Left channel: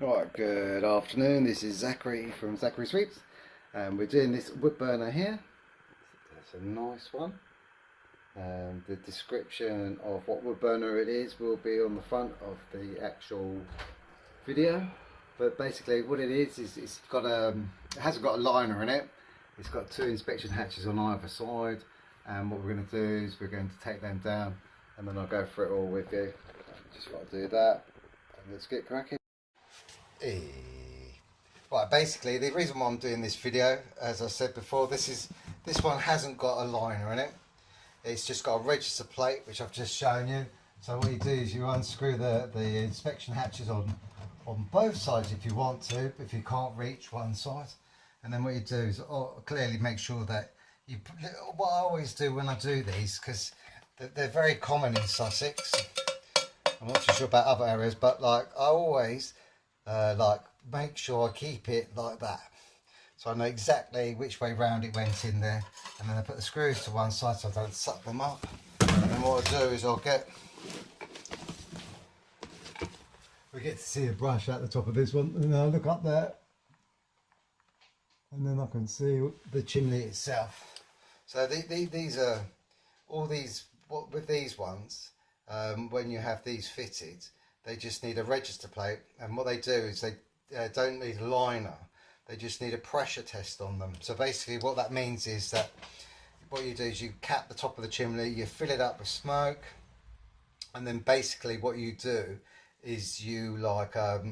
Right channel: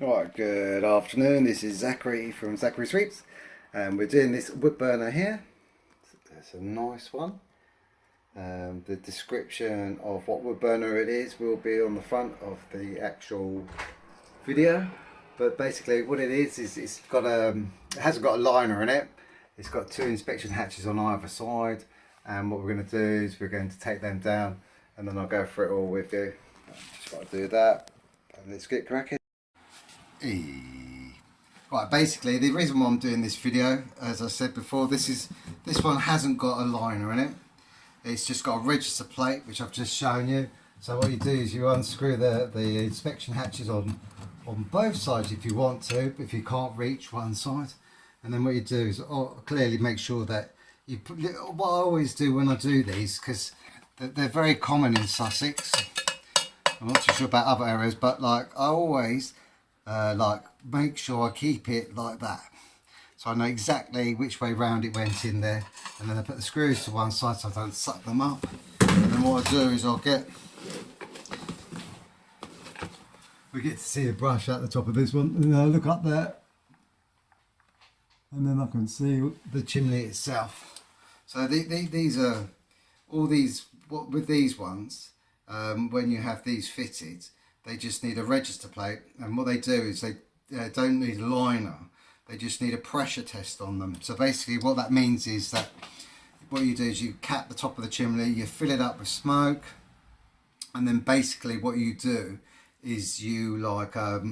Alright, good afternoon. This is Zachary from Zachary Sweeps, and we're doing this wood burner here. It's a nice one. The description of what wood burner it is will be on the front of the actual video. But basically, what it is it's got it hasn't got a liner in it. It's got two inspection hatches on either side, and what we're going to do is we're going to take them down, and then I'll go through it all with you. Just got to do that, and let's get cracking. Right, basically the reason why I'm doing this video, as I said before, this one hasn't got a liner in it. It's just got a register plate, which I've just shown you. So what you do is you unscrew the inspection hatches on both sides if you want to, if you can't reach one side. And then what you do is clearly make sure that you put, what I always do when I do these, because they're very common in Sussex. I'm not too sure about other areas, but like I always make sure I keep it like that, so I know exactly which way round it went in there, and then I put the screws to one side so I don't suck them up. And then what I do is we get to see the brush at the top of this one, and then I look up there and then I can see the chimney itself. So these are all these, what with these ones, when you have these fitted, they just need a register plate, and what they do is they don't need a liner, they just need a pressure test on them. So basically what that means is that what you do is you cap the top of the chimney, you fill it up with smoke, and then basically what you do is you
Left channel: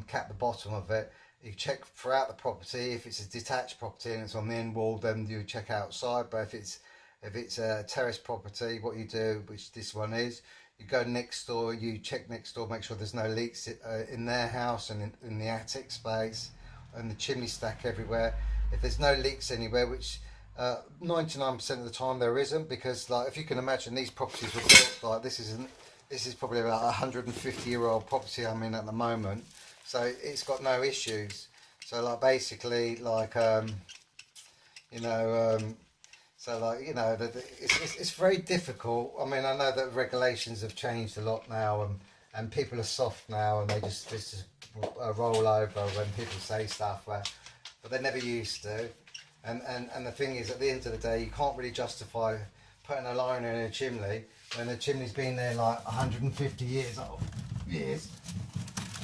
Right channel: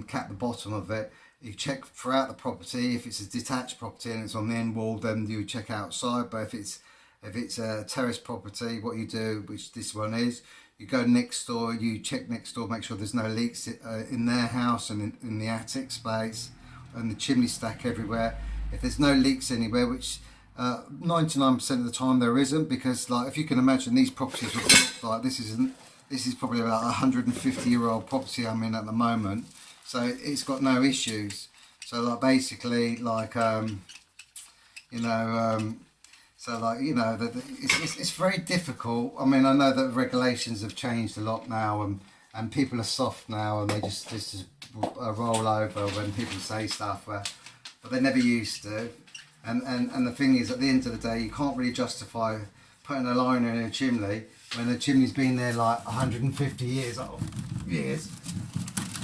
cap the bottom of it. You check throughout the property. If it's a detached property and it's on the end wall, then you check outside. But if it's a terrace property, what you do, which this one is, you go next door, you check next door, make sure there's no leaks in their house and in the attic space and the chimney stack everywhere. If there's no leaks anywhere, which 99% of the time there isn't, because like if you can imagine, these properties were built like this is probably about a 150-year-old property I'm in at the moment, so it's got no issues. So like basically like it's very difficult. I mean, I know that regulations have changed a lot now, and people are soft now, and they just roll over when people say stuff, but they never used to. And the thing is, at the end of the day, you can't really justify putting a liner in a chimney when the chimney's been there like 150 years old.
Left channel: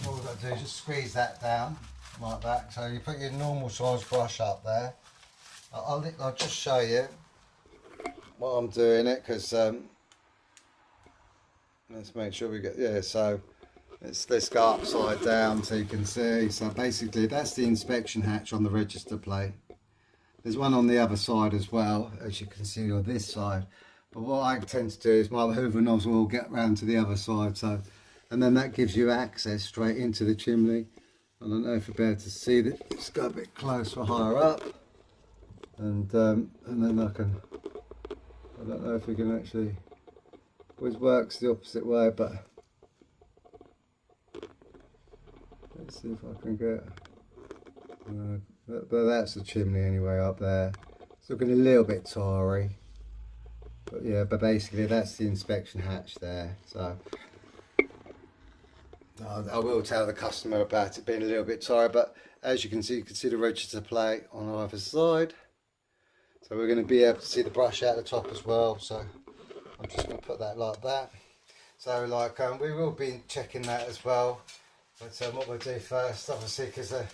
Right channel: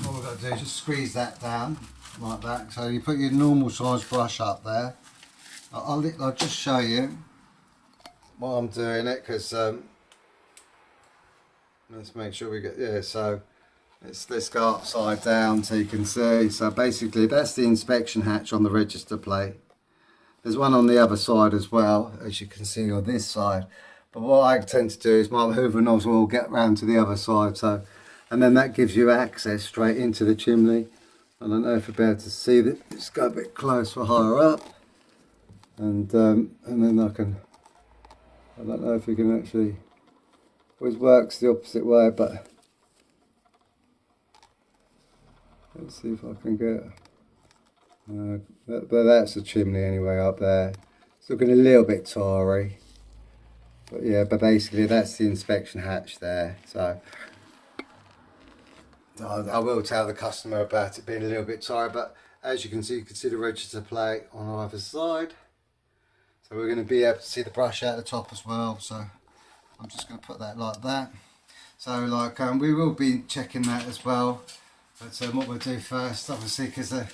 All we've got to do is just squeeze that down like that. So you put your normal size brush up there. I'll just show you while I'm doing it, because let's make sure we get, so let's go upside down so you can see. So basically that's the inspection hatch on the register plate. There's one on the other side as well, as you can see on this side, but what I tend to do is my hoover nozzle will get round to the other side, so, and then that gives you access straight into the chimney. I don't know if you'll be able to see that. Let's go a bit closer, higher up, and then I don't know if we can actually, always works the opposite way, but let's see if I can get, but that's the chimney anyway up there. It's looking a little bit tarry, but yeah, but basically that's the inspection hatch there. So I will tell the customer about it being a little bit tarry, but as you can see the register plate on either side. So we're going to be able to see the brush out the top as well, so I'm just going to put that like that. So like we will be checking that as well, but what we'll do first, obviously, because the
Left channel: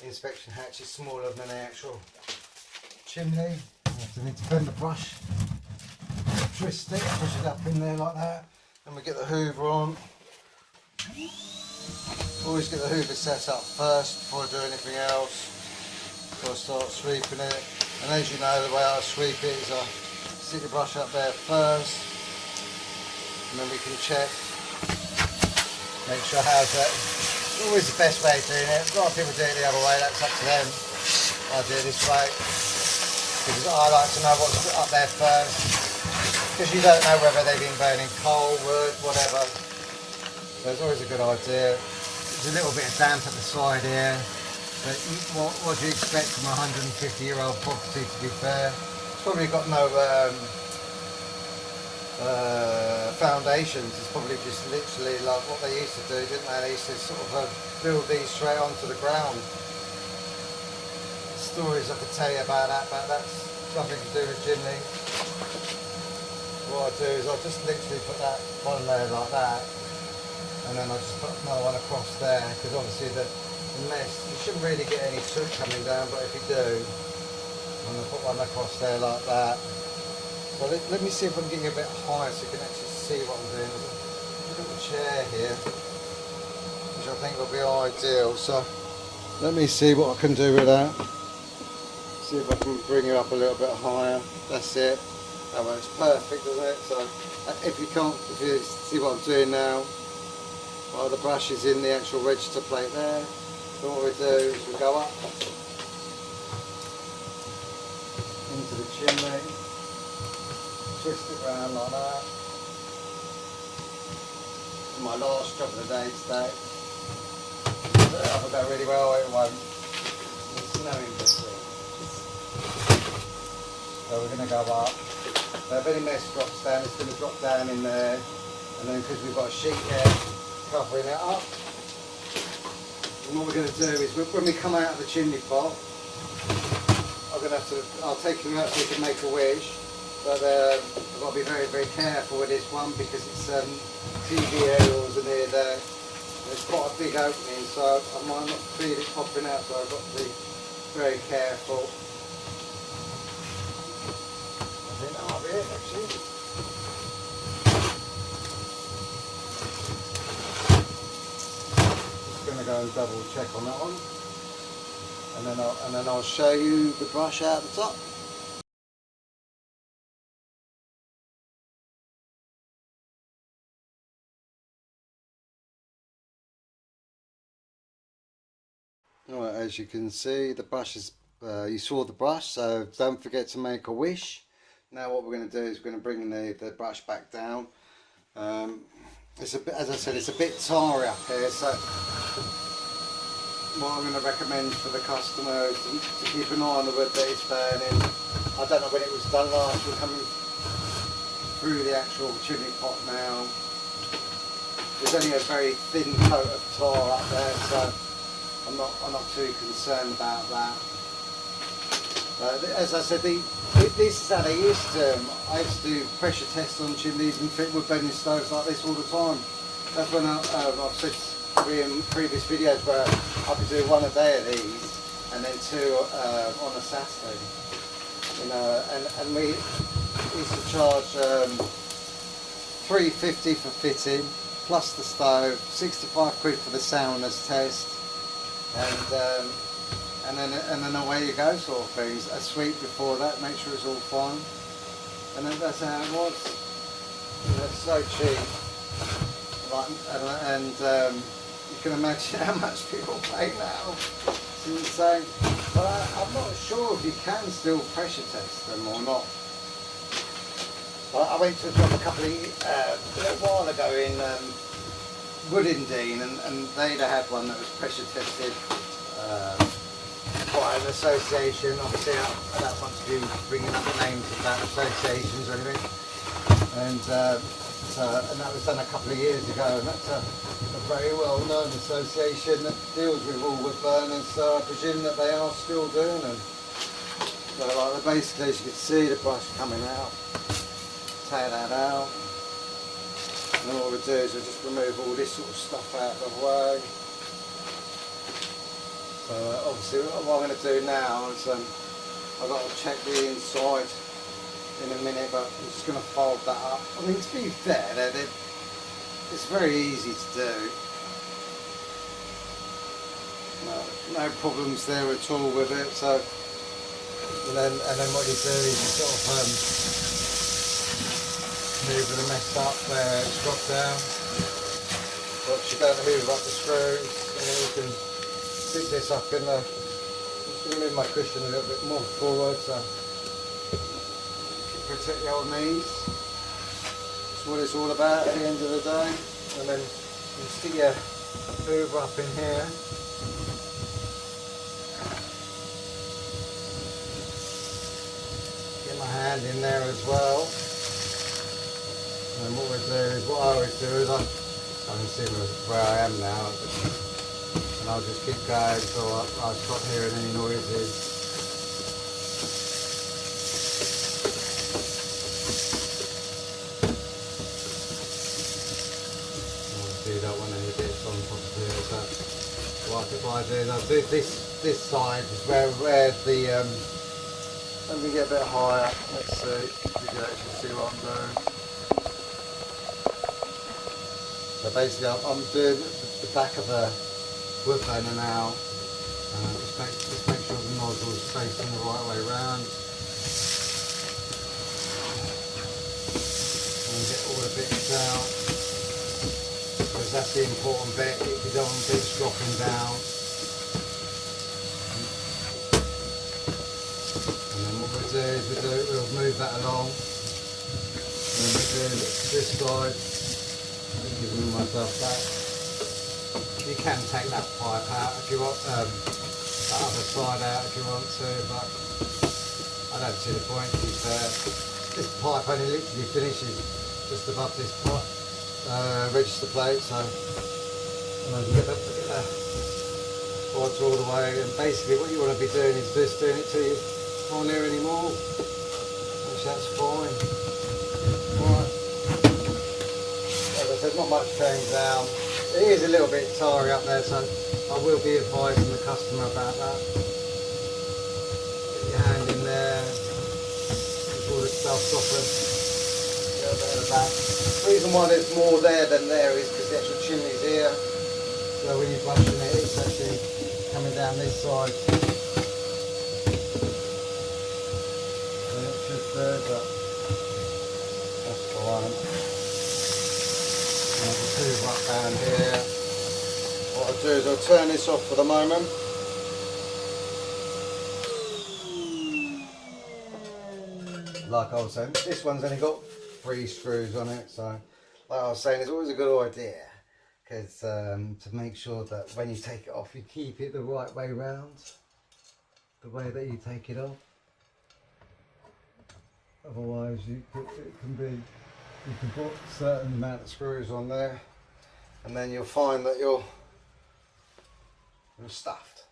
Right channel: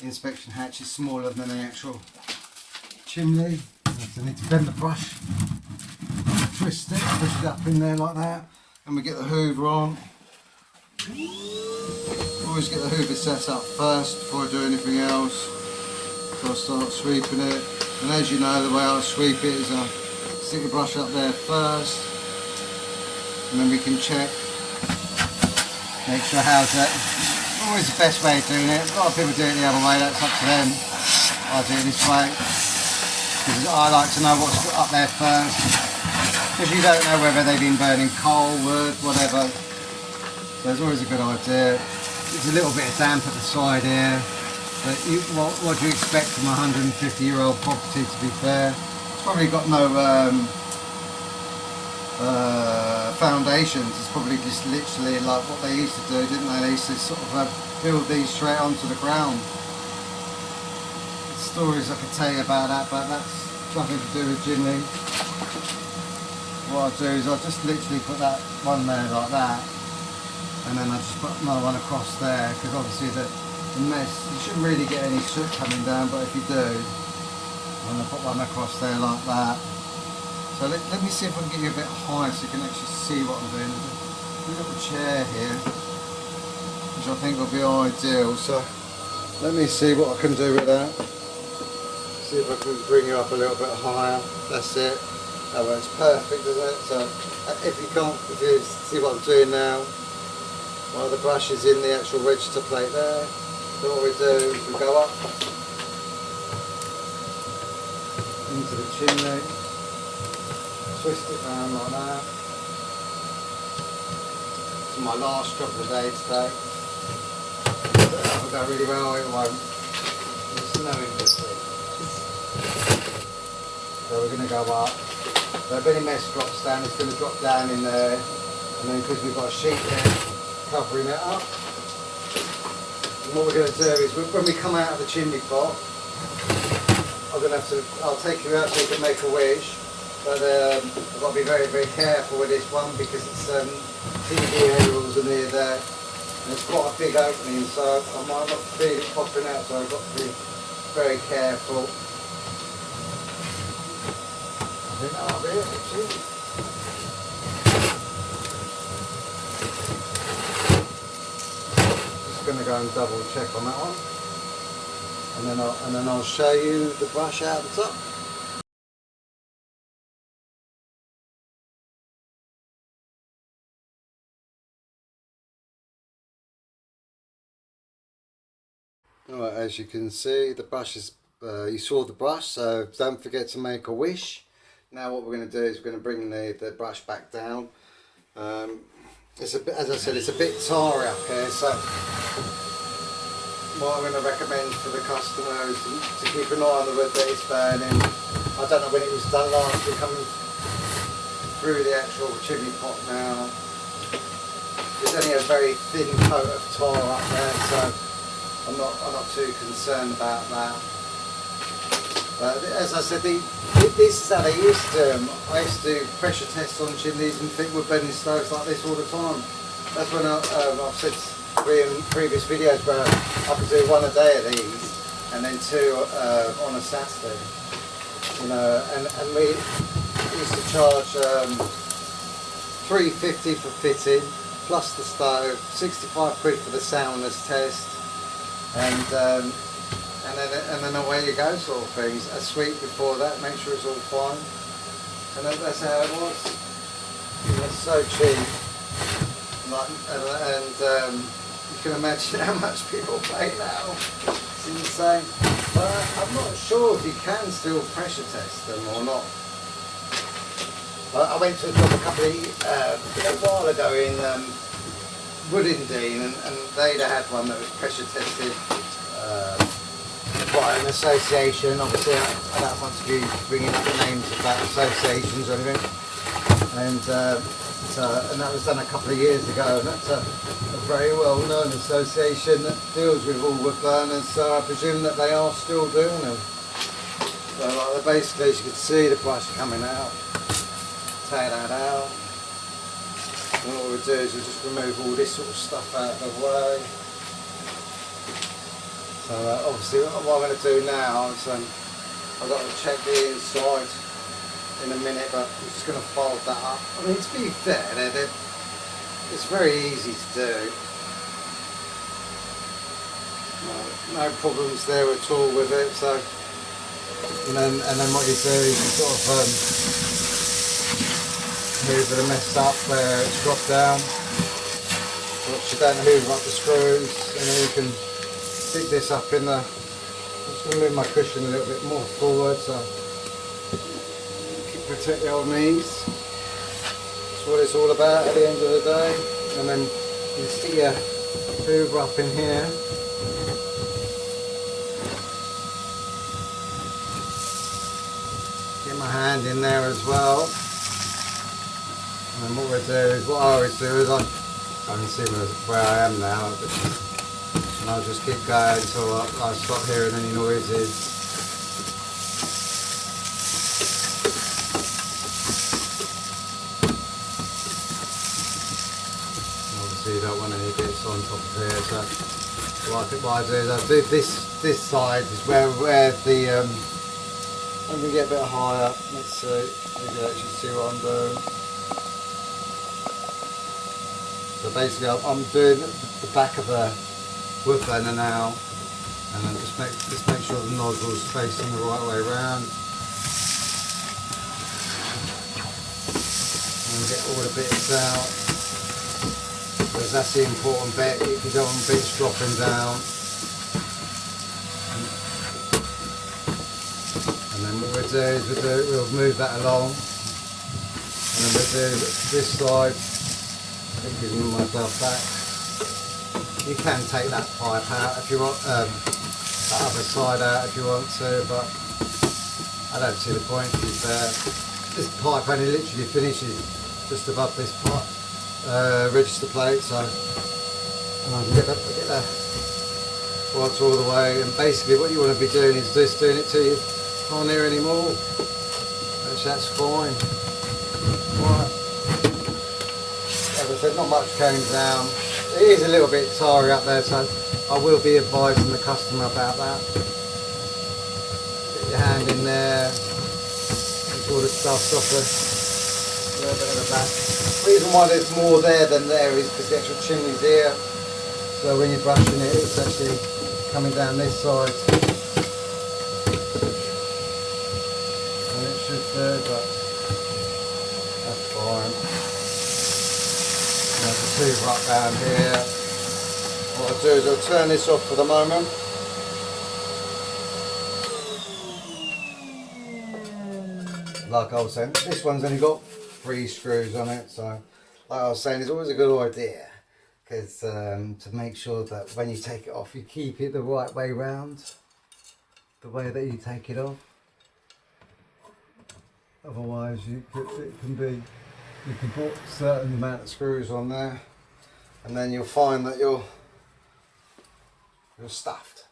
inspection hatch is smaller than the actual chimney, I need to bend the brush, twist it, push it up in there like that, and we get the hoover on. Always get the hoover set up first before I do anything else, so I start sweeping it. And as you know, the way I sweep it is I stick the brush up there first, and then we can check, make sure how's that. Always the best way of doing it. A lot of people do it the other way, that's up to them. I do it this way, because I like to know what's up there first, because you don't know whether they've been burning coal, wood, whatever. So it's always a good idea. There's a little bit of damp at the side here. But what do you expect from a 150-year-old property, to be fair? It's probably got no foundations is probably just literally like what they used to do, didn't they? They used to sort of build these straight onto the ground. Stories I could tell you about that, but that's nothing to do with chimneys. What I'll do is I'll just literally put that one there like that, and then I'll just put another one across there, because obviously the mess, you shouldn't really get any soot coming down, but if you do, I'm going to put one across there like that. So let me see if I can get you a bit higher so you can actually see what I'm doing. There's a little chair here, which I think will be ideal. So let me see what I can do with that. See if I can bring you up a little bit higher. That's it. That works perfect, doesn't it? So if you see what I'm doing now, well, the brush is in the actual register plate there. So what we do is we go up into the chimney, twist it around like that. It's my last job of the day today. That will go really well, it won't. It's snowing this week. So we're going to go up. So if any mess drops down, it's going to drop down in there. And then because we've got a sheet there covering it up. And what we're going to do is when we come out of the chimney pot, I'll take you out so you can make a wish. But I've got to be very, very careful with this one because it's TV aerials are near there. And it's quite a big opening, so I might not feel it popping out, so I've got to be very careful. I think that'll be it actually. Just going to go and double check on that one. And then I'll show you the brush out the top. Alright, as you can see, the brush is, you saw the brush, so don't forget to make a wish. Now what we're going to do is we're going to bring the brush back down. It's a bit, as I said, it's a bit tarry up here, so what I'm going to recommend for the customer is to keep an eye on the wood that it's burning. I don't know when it was done last, we're coming through the actual chimney pot now. There's only a very thin coat of tar up there, so I'm not too concerned about that. As I said, this is how they used to do them. I used to do pressure tests on chimneys and fit wood burning stoves like this all the time. That's when I've said in previous videos where I could do one a day of these and then two on a Saturday. You know, and we used to charge £3.50 for fitting plus the stove, 65 quid for the soundness test. And then away you go, sort of things. A sweep before that, make sure it's all fine. And that's how it was. It's so cheap. And you can imagine how much people pay now. It's insane. But I'm not sure if you can still pressure test them or not. But I went to a job a while ago in Woodendene, and they'd had one that was pressure tested by an association. Obviously I don't want to be bringing up the names of that associations or anything. And that was done a couple of years ago, and that's a very well known association that deals with all wood burners, so I presume that they are still doing them. So basically, as you can see, the brush coming out. Take that out. And what we'll do is we'll just remove all this sort of stuff out of the way. So obviously what I'm going to do now is I've got to check the inside in a minute, but I'm just going to fold that up. I mean, to be fair, it's very easy to do. No problems there at all with it. So, and then what you do is you sort of hoover the mess up where it's dropped down. But you don't hoover up the screws, and then you can stick this up in the. I'm just going to move my cushion a little bit more forward, so protect the old knees. That's what it's all about at the end of the day. And then you stick your hoover up in here. Get my hand in there as well. And then what we'll do is, what I always do is I can see where I am now, and I'll just keep going until I stop hearing any noises. You don't want any bits on top of here, so what I do is I do this side is where the let me get a bit higher. Let's see if you can actually see what I'm doing. So basically I'm doing the back of the wood burner now, and then just make sure the nozzle's facing the right way round, and get all the bits out. Because that's the important bit, if you don't want bits dropping down. And then what we'll do is we'll move that along. And then we'll do this side, giving myself back. You can take that pipe out if you want, that other side out if you want to, but I don't see the point, to be fair. This pipe only literally finishes just above this pipe. Register plate, so and I can get that parts all the way, and basically what you want to be doing is just doing it till you can't hear anymore, which that's fine. Right, as I said, not much came down. It is a little bit tarry up there, so I will be advising the customer about that. Get your hand in there, make all the stuff's off a little bit at the back. The reason why there's more there than there is because the actual chimney's here, so when you're brushing it, it's actually coming down this side, and it should do, but that's fine. And there's a tube up down here. What I'll do is I'll turn this off for the moment. Like I was saying, this one's only got 3 screws on it, so like I was saying, it's always a good idea because to make sure that when you take it off, you keep it the right way round, the way that you take it off. Otherwise, you can put a certain amount of screws on there, and then you'll find that you're stuffed,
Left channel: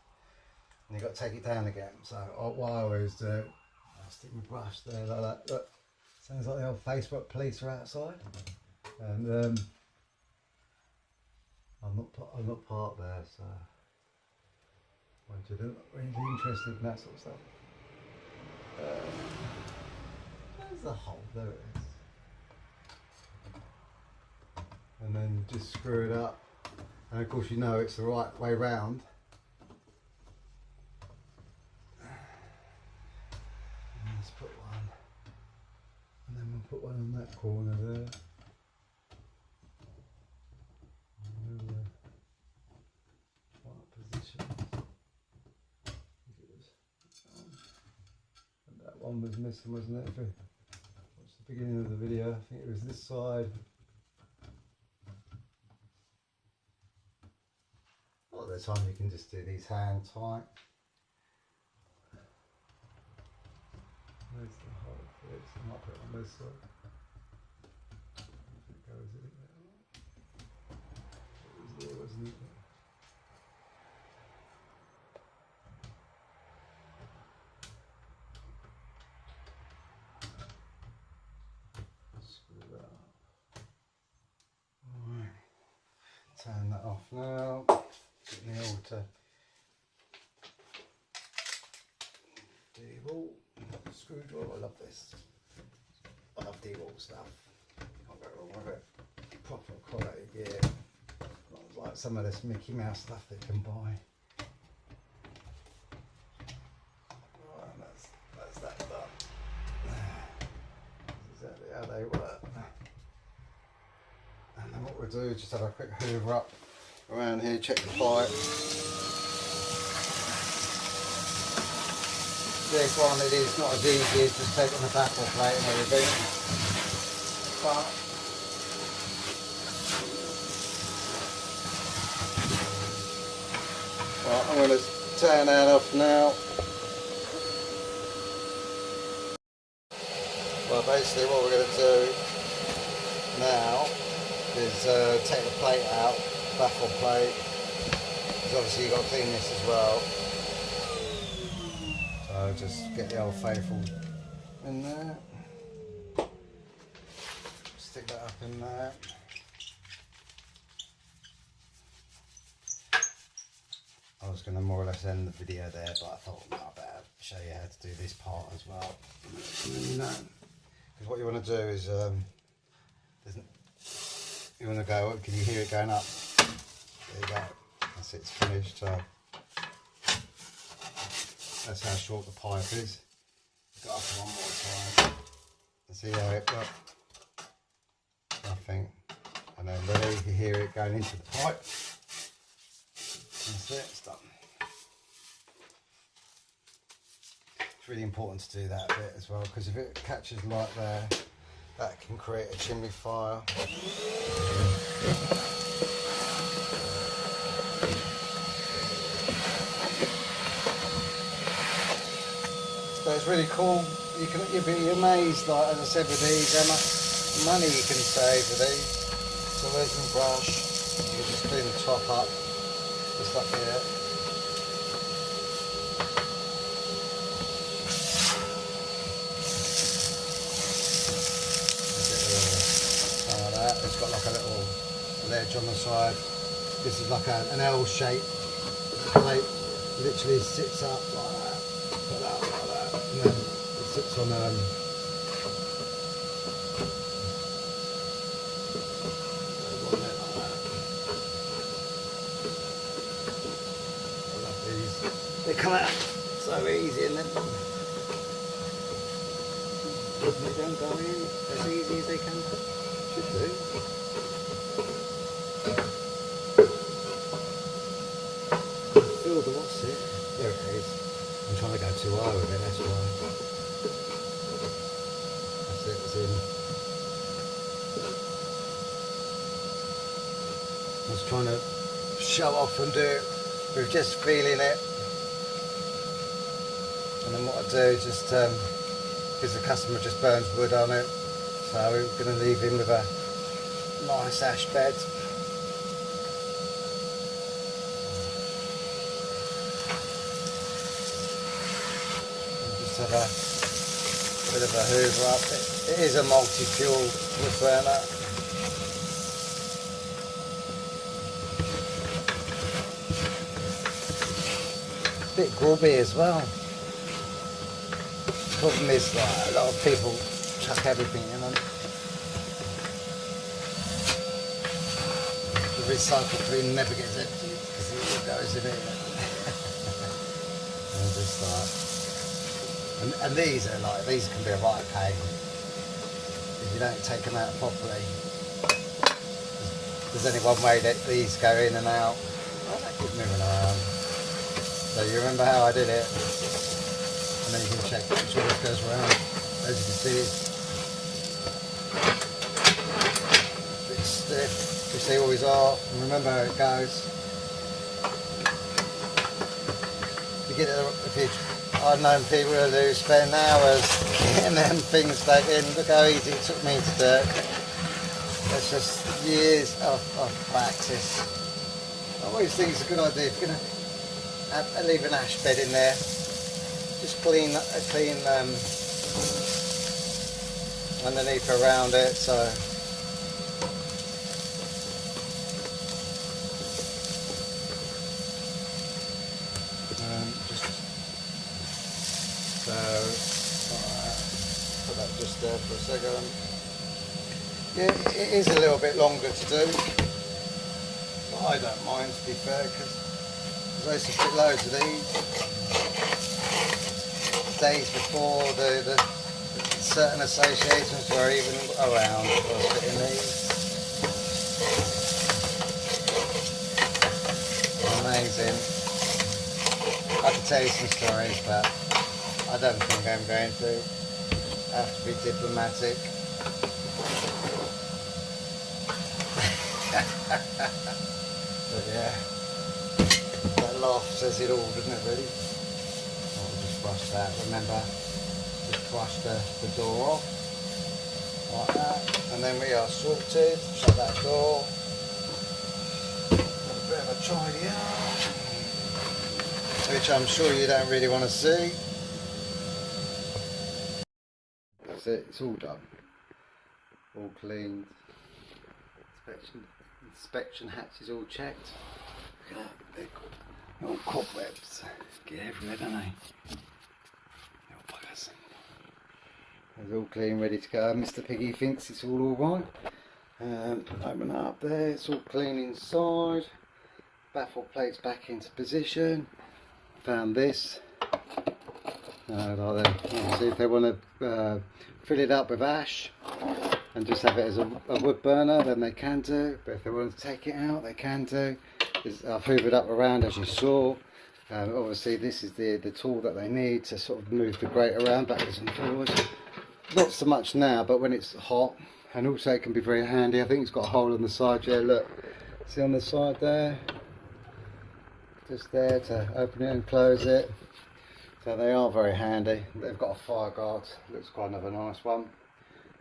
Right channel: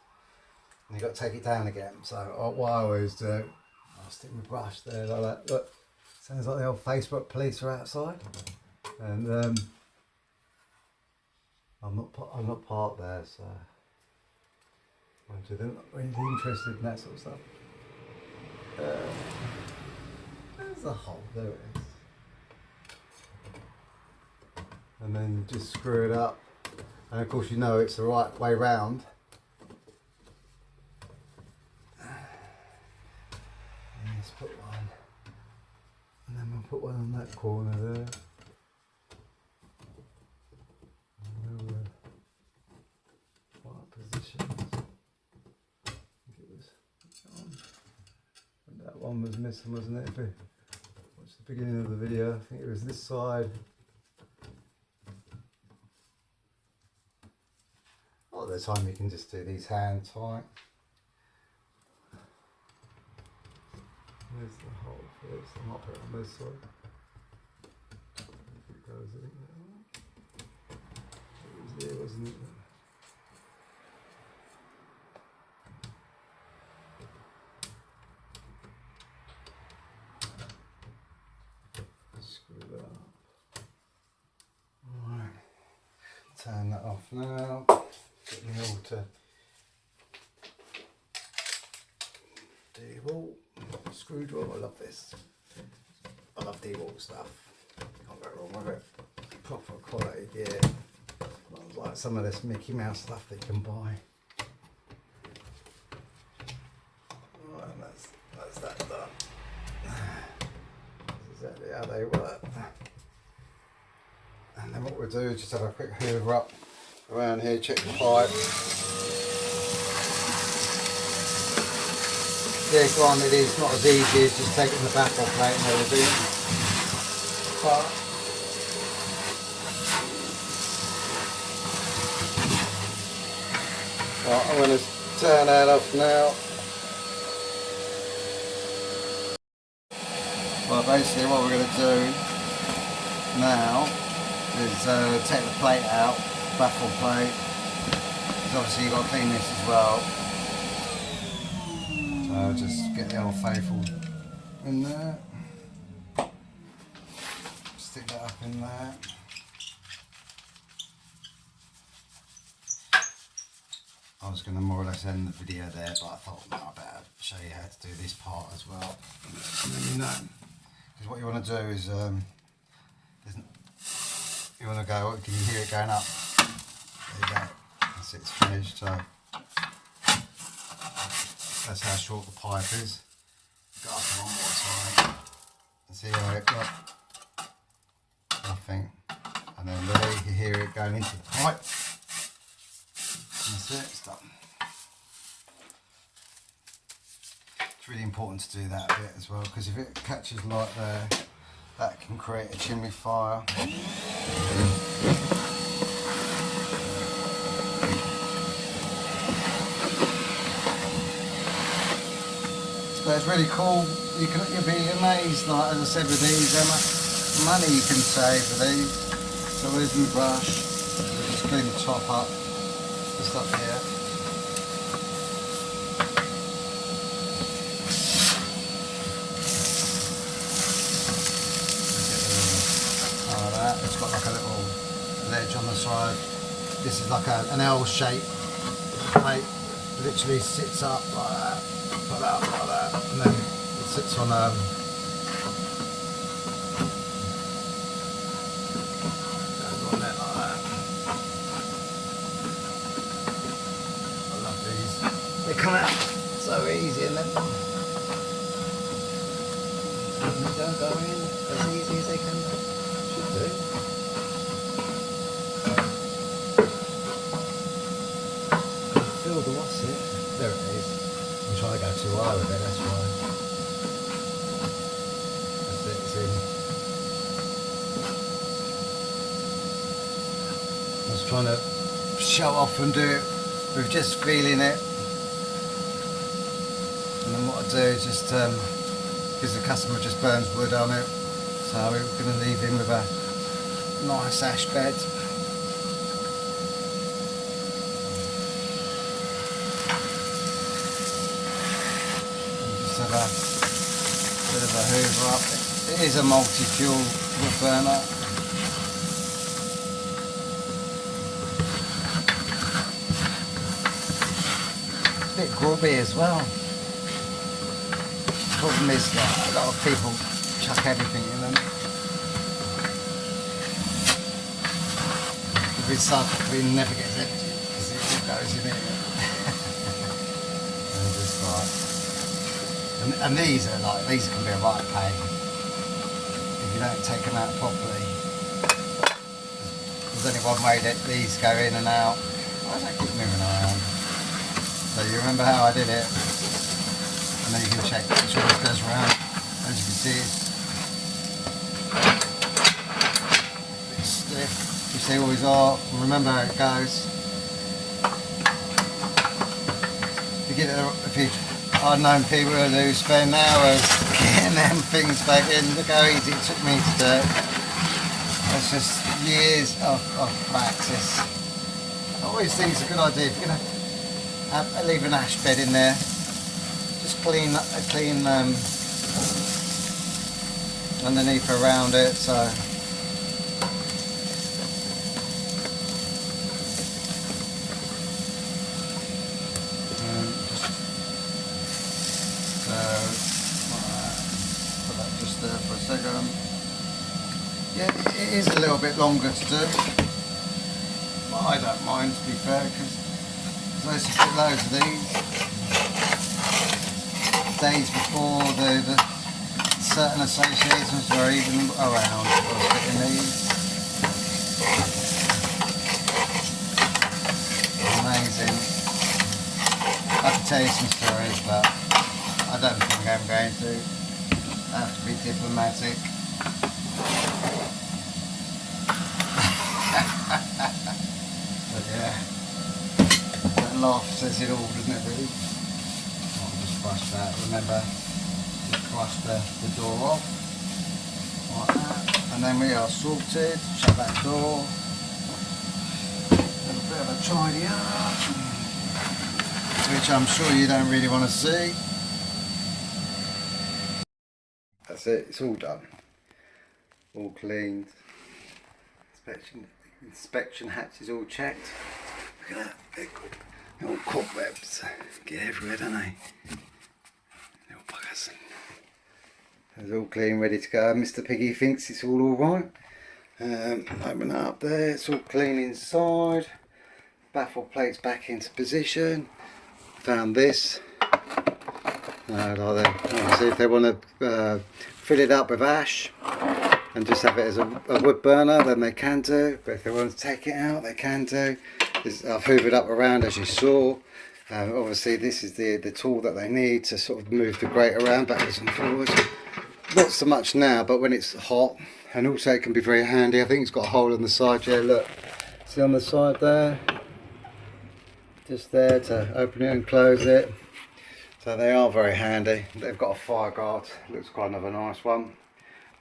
and you've got to take it down again. So what I always do, I'll stick my brush there like that. Look. Sounds like the old Facebook police are outside, and I'm not parked there, so they're not really interested in that sort of stuff. There's the hole, there it is, and then just screw it up, and of course you know it's the right way round. Let's put one. And then we'll put one on that corner there. And then right positions. I think it was and that one was missing, wasn't it? If we watch the beginning of the video, I think it was this side. A lot of the time you can just do these hand tight. Where's the hole for this? I might put it on this side. If it goes in there. It was there, wasn't it? Screw that up. Alright. Turn that off now. Get me all to D-wall. Screwdriver, I love this. I love D-wall stuff. Can't go wrong with it. Proper quality gear. Not like some of this Mickey Mouse stuff that you can buy. Right, and that's that done. That's exactly how they work. And then what we'll do is just have a quick hoover up around here, check the pipe. Yeah, granted, it's not as easy as just taking the back off, mate, and everything. But right, I'm going to turn that off now. Well, basically what we're going to do now is take the plate out, baffle plate. Because obviously you've got to clean this as well. So just get the old faithful in there. Stick that up in there. I was going to more or less end the video there, but I thought no, I better show you how to do this part as well. Because what you want to do is you want to go. Can you hear it going up? There you go. That's it. It's finished. So that's how short the pipe is. Go up one more time. See how it got nothing, and then there you can hear it going into the pipe. That's it, it's done. It's really important to do that bit as well, because if it catches light there, that can create a chimney fire. So it's really cool. You'll be amazed, like as I said with these, how much money you can save with these. So where's my brush? So just clean the top up. Just up here. Get rid of that. It's got like a little ledge on the side. This is like an L shape plate. Literally sits up like that. Put that up like that, and then it sits on goes on there like that. I love these. They come out so easy, and then they don't go in as easy as they should do. Feel the what's it? There it is. I'm trying to go too high with it, that's why. That's it, it's in. I was trying to show off and do it with just feeling it. And then what I do is just, because the customer just burns wood on it, so we're going to leave him with a nice ash bed. Have a bit of a hoover up. It is a multi-fuel wood burner. It's a bit grubby as well. The problem is that a lot of people chuck everything in them. The recycle bin never gets empty because it goes in it. And just like. And these are like, these can be a right pain if you don't take them out properly. There's only one way that these go in and out. Why does that keep moving around? So you remember how I did it? And then you can check, make sure this goes around. As you can see, it's a bit stiff. You see all these are, and remember how it goes. You get it, if you, I've known people who spend hours getting them things back in. Look how easy it took me to do it. It's just years of practice. I always think it's a good idea if you're going to leave an ash bed in there. Just clean underneath around it. So put that just there for a second. Yeah, it is a little bit longer to do, but I don't mind, to be fair, because I used to put loads of these days before the certain associations were even around. I was fitting these. Amazing. I could tell you some stories, but I don't think I'm going to. I have to be diplomatic. But yeah, that laugh says it all, doesn't it, really? I'll just brush that. Remember, just brush the door off. like that, and then we are sorted. Shut that door. A bit of a tidy up, which I'm sure you don't really want to see. That's it, it's all done. All cleaned. Inspection hatch is all checked. Look at that, they're all cobwebs. Get everywhere, don't they? Little buggers. It's all clean, ready to go. Mr. Piggy thinks it's all alright. Open that up there, it's all clean inside. Baffle plates back into position. Found this. Obviously if they want to fill it up with ash and just have it as a wood burner, then they can do. But if they want to take it out, they can do. I've hoovered up around, as you saw. Obviously this is the tool that they need to sort of move the grate around backwards and forwards. Not so much now, but when it's hot, and also it can be very handy. I think it's got a hole on the side. Yeah, look, see on the side there, just there to open it and close it. So they are very handy. They've got a fire guard, looks kind of a nice one.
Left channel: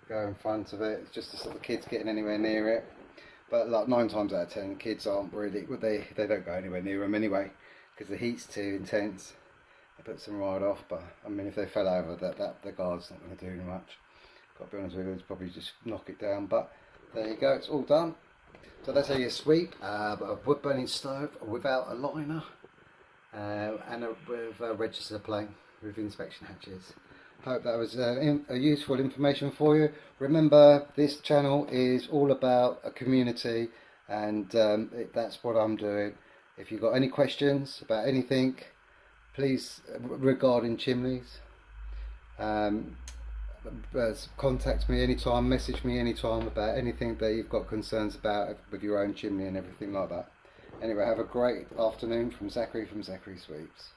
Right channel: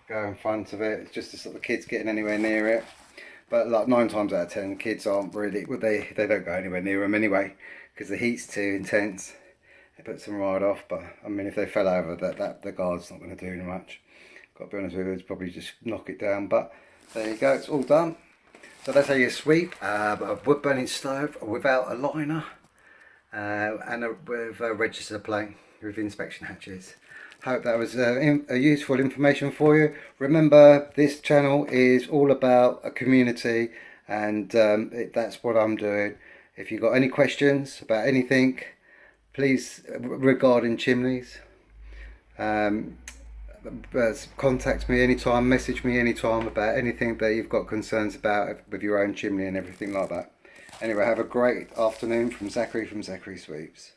Go in front of it, it's just to stop the kids getting anywhere near it. But like 9 times out of 10, kids aren't really, well, they don't go anywhere near them anyway, because the heat's too intense. It puts them right off. But I mean, if they fell over, the guard's not going to do much. Got to be honest with you, it's probably just knock it down. But there you go, it's all done. So that's how you sweep a wood burning stove without a liner. And with a register plate with inspection hatches. Hope that was a useful information for you. Remember, this channel is all about a community, and that's what I'm doing. If you've got any questions about anything, please, regarding chimneys, contact me anytime, message me anytime about anything that you've got concerns about with your own chimney and everything like that. Anyway, have a great afternoon from Zachary Sweeps.